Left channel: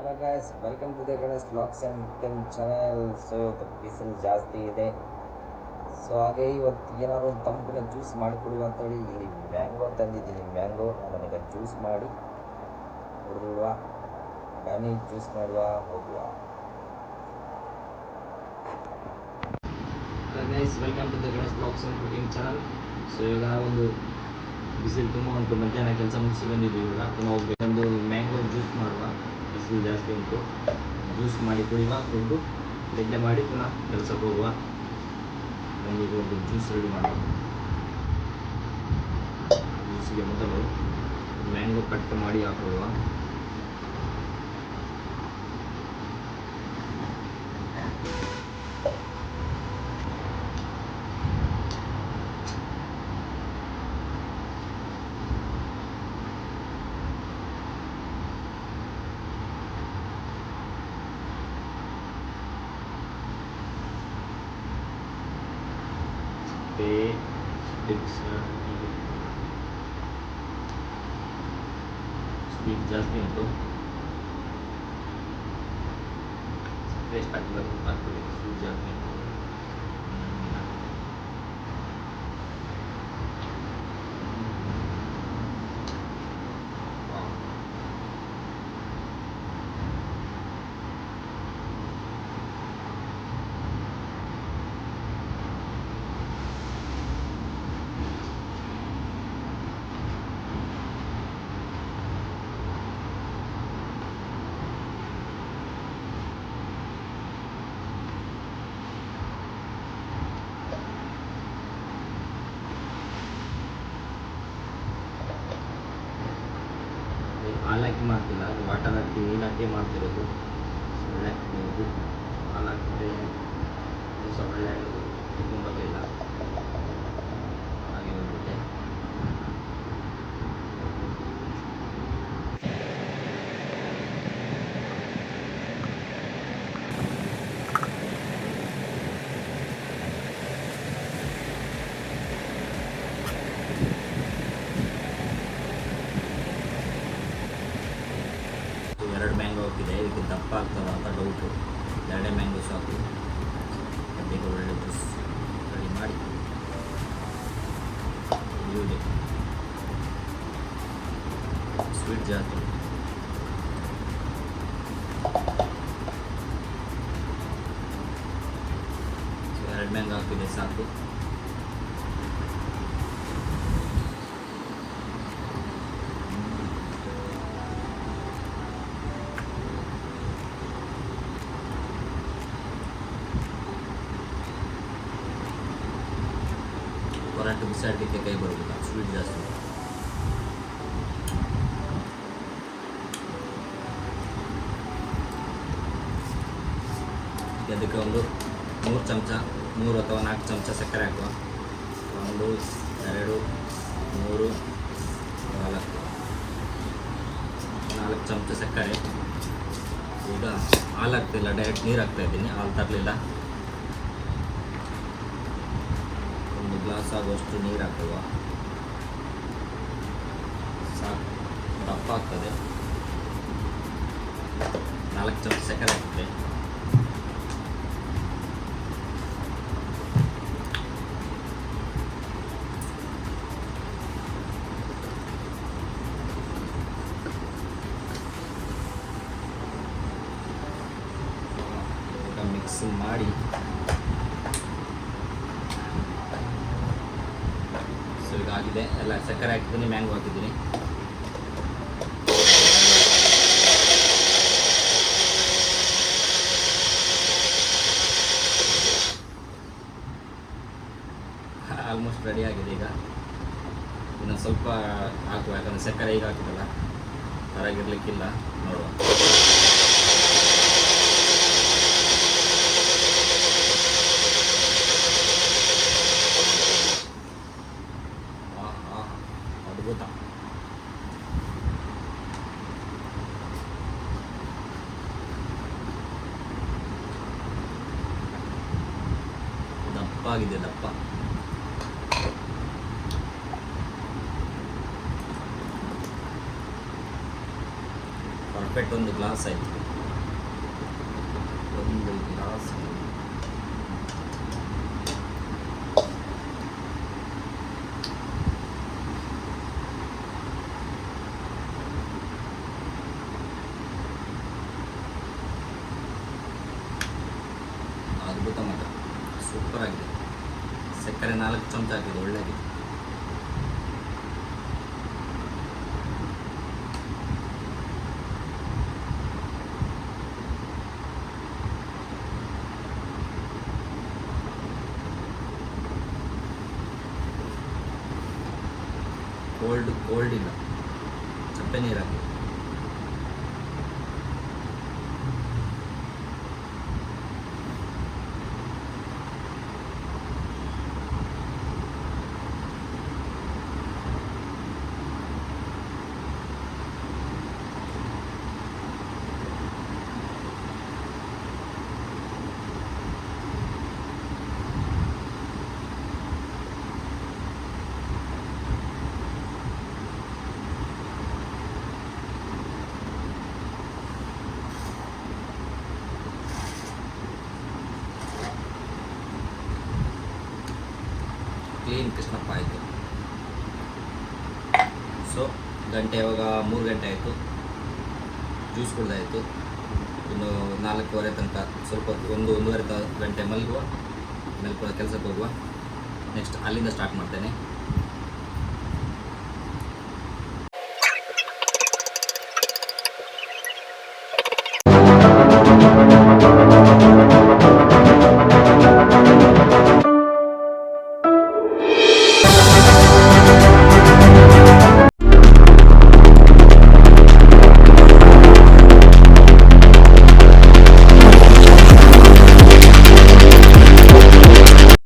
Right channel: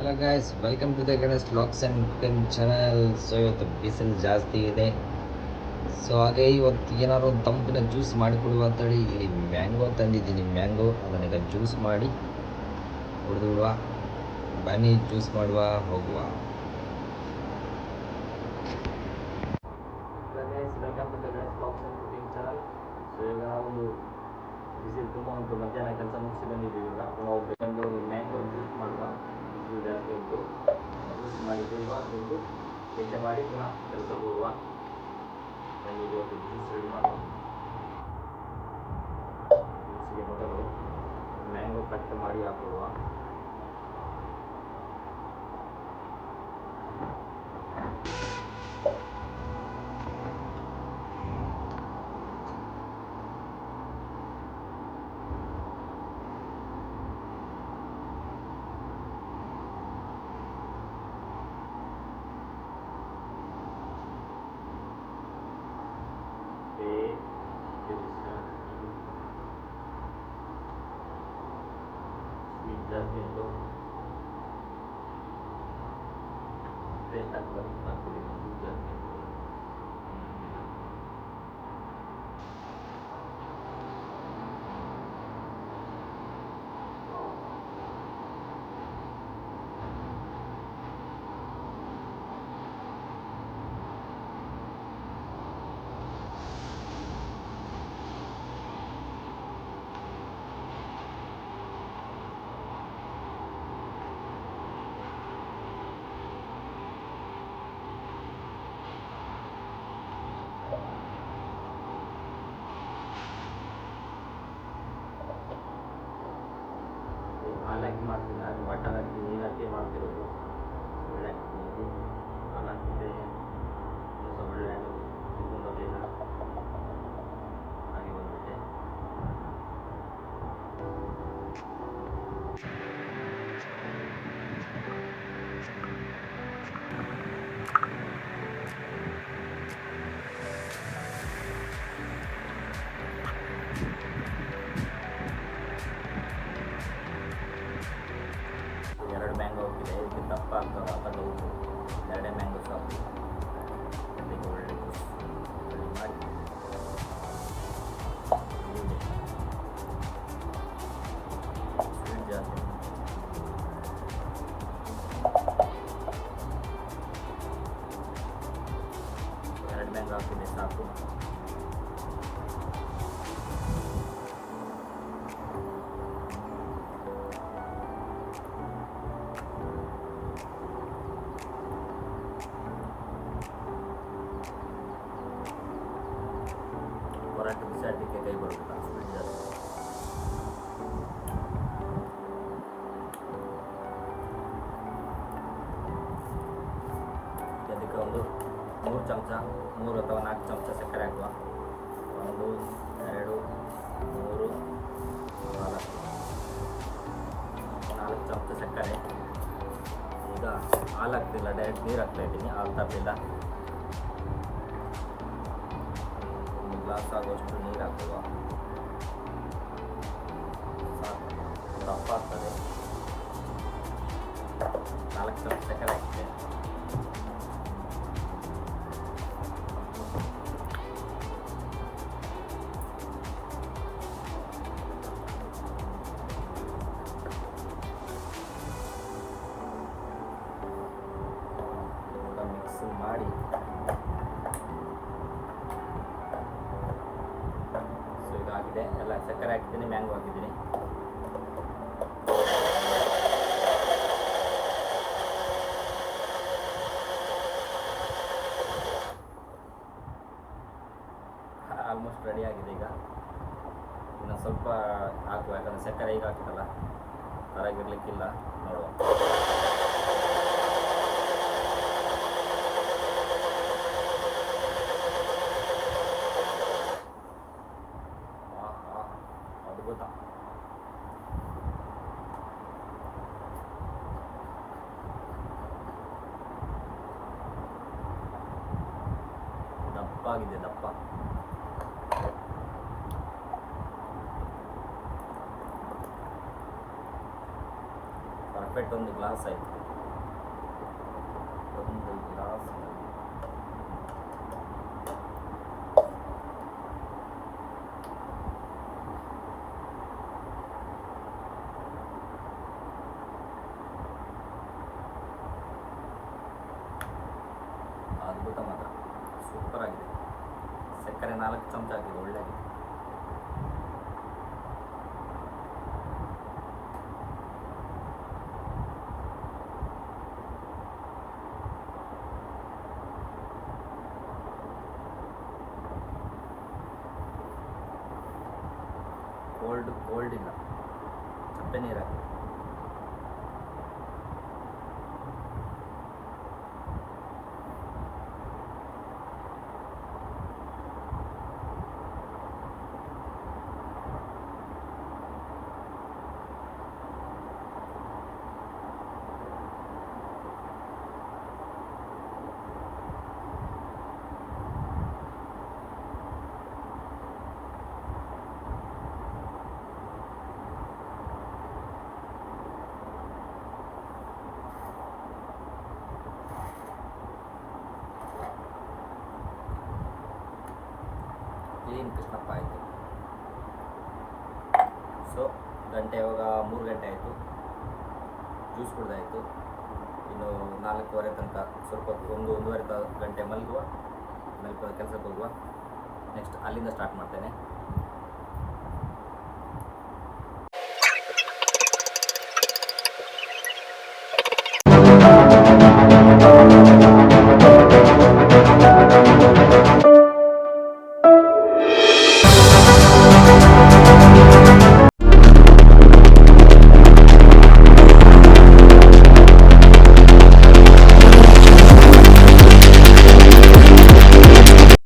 Hello guys, welcome to the Ganesh blogs and cooking channel. So ಇವತ್ತು ಬಿಸಿಲು ಜಾಸ್ತಿ ಇದೆ. ಸೊ ಹಾಗೆ ಇವತ್ತು ಏನಾದ್ರು ಒಂದು ತಂಪಿನ ಜ್ಯೂಸ್ ಮಾಡಿಕೊಡುವ ಅಂತೇಳಿ ಇಲ್ಲಿ ಮ್ಯಾಂಗೋ ತಂದಿದ್ದೀನಿ. ಮ್ಯಾಂಗೋ ಅದನ್ನೀಗ ಜ್ಯೂಸ್ ಮಾಡಿ ಕುಡಿದು ಬಿಡುವ. ಬನ್ನಿ ಜ್ಯೂಸ್ ಮಾಡುವ, ಹೋಗುವ. Hello guys, welcome to the Ganesh blogs and cooking channel. So ಈಗ ನಾವೊಂದು ಬಿಸಿಲು ತುಂಬ ಉಂಟು, ಮಧ್ಯಾಹ್ನ ಕೆಲಸ ಮುಗಿಸಿ ಬಂದಿದ್ದೀವಿ. ಈಗ ತುಂಬ ಹೋಗ್ಬೇಕಂದು ಮ್ಯಾಂಗೋ ಜ್ಯೂಸ್ ಮಾಡುವ. ಬಿಸಿಲು ಜಾಸ್ತಿ ಉಂಟು, ಜ್ಯೂಸ್ ಮಾಡಿ ಕುಡಿಯುವ, ದುಡ್ಡು ನಿದ್ದೆ ಮಾಡಿ ಪುನಃ ಕೆಲಸಕ್ಕೆ ಹೋಗುವ. ಬನ್ನಿ ಈಗ ಒಂದು ಜ್ಯೂಸ್ ರೆಡಿ ಮಾಡುವ. ಜ್ಯೂಸಿಗೆ ಮೊದಲು ಮ್ಯಾಂಗೋ ಕಟ್ ಮಾಡಿ ಹಾಕೊಳ್ಳುವ. ಸ್ವೀಟ್ ಜಾಸ್ತಿ ಉಂಟು, ಟೇಸ್ಟ್ ಆಗ್ತದೆ. ಸ್ವೀಟ್ ಜಾಸ್ತಿ ಉಂಟು. ಹಾಲು ಹಾಕಿ ಮಾಡ್ತಿಲ್ಲ, ಅದು ವಾಟರ್ ಹಾಕಿ ನೀರು ಹಾಕಿ ಮಾಡ್ತಿರೋದು. ಒಳ್ಳೆ ನೀವು ಹಾಲು ಹಾಕಿದ್ರೆ ಸಹ ಒಳ್ಳೆ ತುಂಬ ಬರಲಿಲ್ಲ, ಹಾಗೆ ಬಂದ್ಬಿಟ್ಟೆ. ಎರಡು ಮ್ಯಾಂಗೋ ಹೋಗಿದೆ, ಇದಕ್ಕೆ ದಪ್ಪ ಆಗ್ತದ ಅಂತ ಡೌಟು. ಎರಡೇ ಮ್ಯಾಂಗೋ ಸಾಕು. ಈಗ ಒಳ್ಳೆ ಜ್ಯೂಸ್ ರೆಡಿ ಮಾಡಿ ಕುಡಿಯುವುದೇ. ಸ್ವೀಟ್ ಜಾಸ್ತಿ ಉಂಟು. ಎರಡು ಮ್ಯಾಂಗೋ ಹಾಕಿದೆ ಸಾಕು. ಹೊರಟು ಬಿಸಾಡಲಿಕ್ಕೆ ಕೈ ಬರೋದಿಲ್ಲ, ಸ್ವೀಟ್ ಜಾಸ್ತಿ. ಅದಕ್ಕೆ ಒಂದು 3 ಚಮಚ, 3 ಅಥವಾ 4 ಚಮಚ ಸಕ್ಕರೆ ಹಾಕುವ. 1 2 3 4 ಚಮಚ ಸಕ್ಕರೆ. ಈಗ ಹಾಲು ಹಾಕ್ತಿಲ್ಲ, ಡೈರೆಕ್ಟ್ ನೀರು ಹಾಕ್ತಾ ಇದ್ದೀನಿ. ಹಾಲು ತರಲಿಲ್ಲ. ಗ್ಲಾಸ್ ಆಗುವಷ್ಟು ನೀರು ಹಾಕುವ. ಸಾಕು, ದಪ್ಪ ಆಗ್ತದೆ. 4 ಚಮಚ ಸಕ್ಕರೆ ಹಾಕ್ತದೆ. ಮಿಕ್ಸ್ ಮಾಡಿ ಈಗ ಆಗಿದೆ ಎಲ್ಲ. ಸಕ್ಕರೆ ಹಾಕಿದ್ದೀನಿ, ಮ್ಯಾಂಗೋ ಹಾಕಿದ್ದೀನಿ. ಆಲ್ಮೋಸ್ಟ್ ರೆಡಿ ಆಗಿದೆ. ಈಗ ಇನ್ನು ಸ್ವಲ್ಪ ಹಾಕುವ, ಯಾಕಂದರೆ ಸಕ್ಕರೆ ಈಗ ಹಾಕಿದಲ್ಲ, ಹೊರಗಿರ್ಲಿಕ್ಕಿಲ್ಲ. ನೋಡುವ. ಅದ್ಭುತ. ದಪ್ಪ ಆಗಿದೆ, ದಪ್ಪ. ಪರ್ಫೆಕ್ಟ್ ಒಂದು ಗ್ಲಾಸ್ ಆಯಿತು. ಒಂದು ಗ್ಲಾಸ್ ಅದ್ಭುತ ಮಾತ್ರ, ಸೂಪರ್ ಆಗಿದೆ. ಸಕ್ಕರೆ 4 ಚಮಚ ಹಾಕಿದೆ, ಒಳ್ಳೆಯಾಗಿದೆ. ಕೋಲ್ಡ್ ಇಲ್ಲ, ಚಪ್ಪೆ ನೀರು ಹಾಕಿ. ಕ್ಲೀನ್ ಕೃಷ್ಣಪ್ಪ ಆಯಿತು. ಸೊ ಗಂಟೆ ಇವಾಗ 3 ಗಂಟೆ ಆಯಿತು. ಜ್ಯೂಸ್ ಕುಡ್ದಾಯಿತು. ಇನ್ನು 4:15 ತನಕ ಸ್ವಲ್ಪ ಒಂದೂವರೆ ಗಂಟೆ ಮಲಗುವ, ಕೆಲಸಕ್ಕೆ ಹೋಗುವ. ನೆಕ್ಸ್ಟ್ ಅಲ್ಲಿಂದ ಸ್ಟಾರ್ಟ್ ಮಾಡ್ತೇನೆ.